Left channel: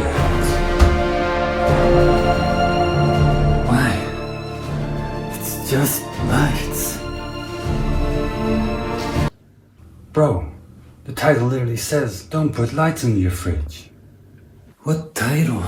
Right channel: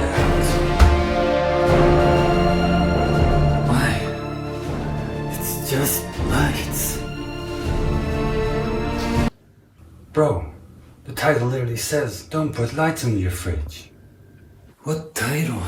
find out. Why? It's just lights. Bro, the title literally says, don't put lights in your fridge. What title?